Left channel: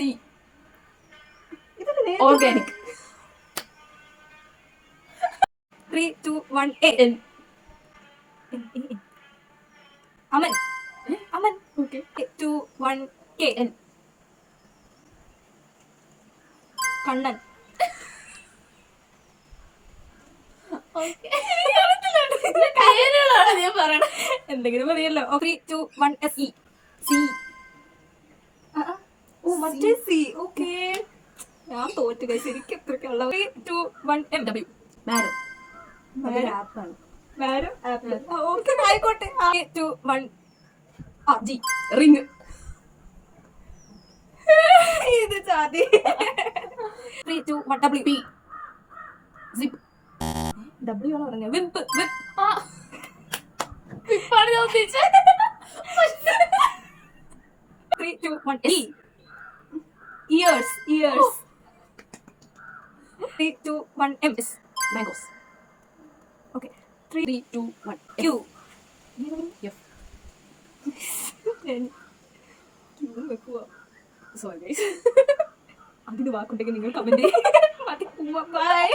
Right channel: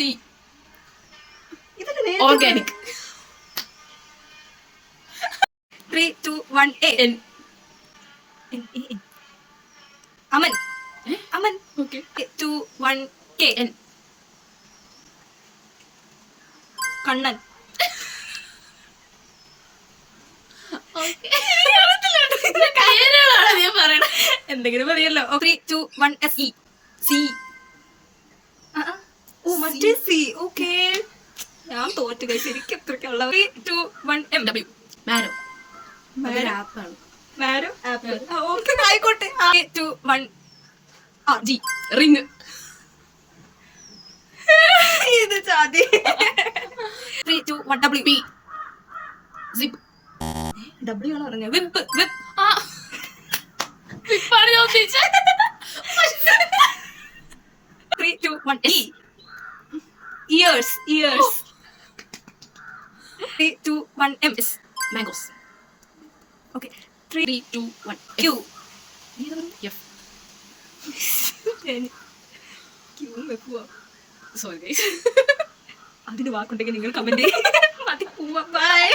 C organic. 3, 2, 1 A. N. Aman. Aman. Okay. 2, 1 K. N. Kannan. എന്തെങ്കിലും മതിയല്ലോ. 3, 2, 1 S. C. ഓ മറ്റേ സി. ഓക്കെ, ഞാൻ തോറ്റു കഴിച്ചു. എനിക്ക് എത്രയ്ക്കുള്ള 3, 2, 1 M. ഡബ്ല്യു. മാരോ. അതൊരു ആപ്പാണ്. Marrow apple. ഓക്കെ ആയിക്കോട്ടെ. 3, 2, 1 ജി. റിങ്. ഇത് ചാതി. 3, 2, 1 W. പി. സിപ്പ്. W ആണ് പറഞ്ഞത്. വിപ്പ്. വിപ്പ്. വിപ്പാണ് ഞാൻ ഉദ്ദേശിച്ചത്. 3, 2, 1 E. Years. Years. 3, 2, 1 M. S. Mangoes. Okay. 3, 3, 2, 1 Q. F. Q വെക്കുക. Sorry guys. അതിന് വാക്കുണ്ടെങ്കിൽ നിങ്ങൾ കമന്റ് ചെയ്യും. ബൈ.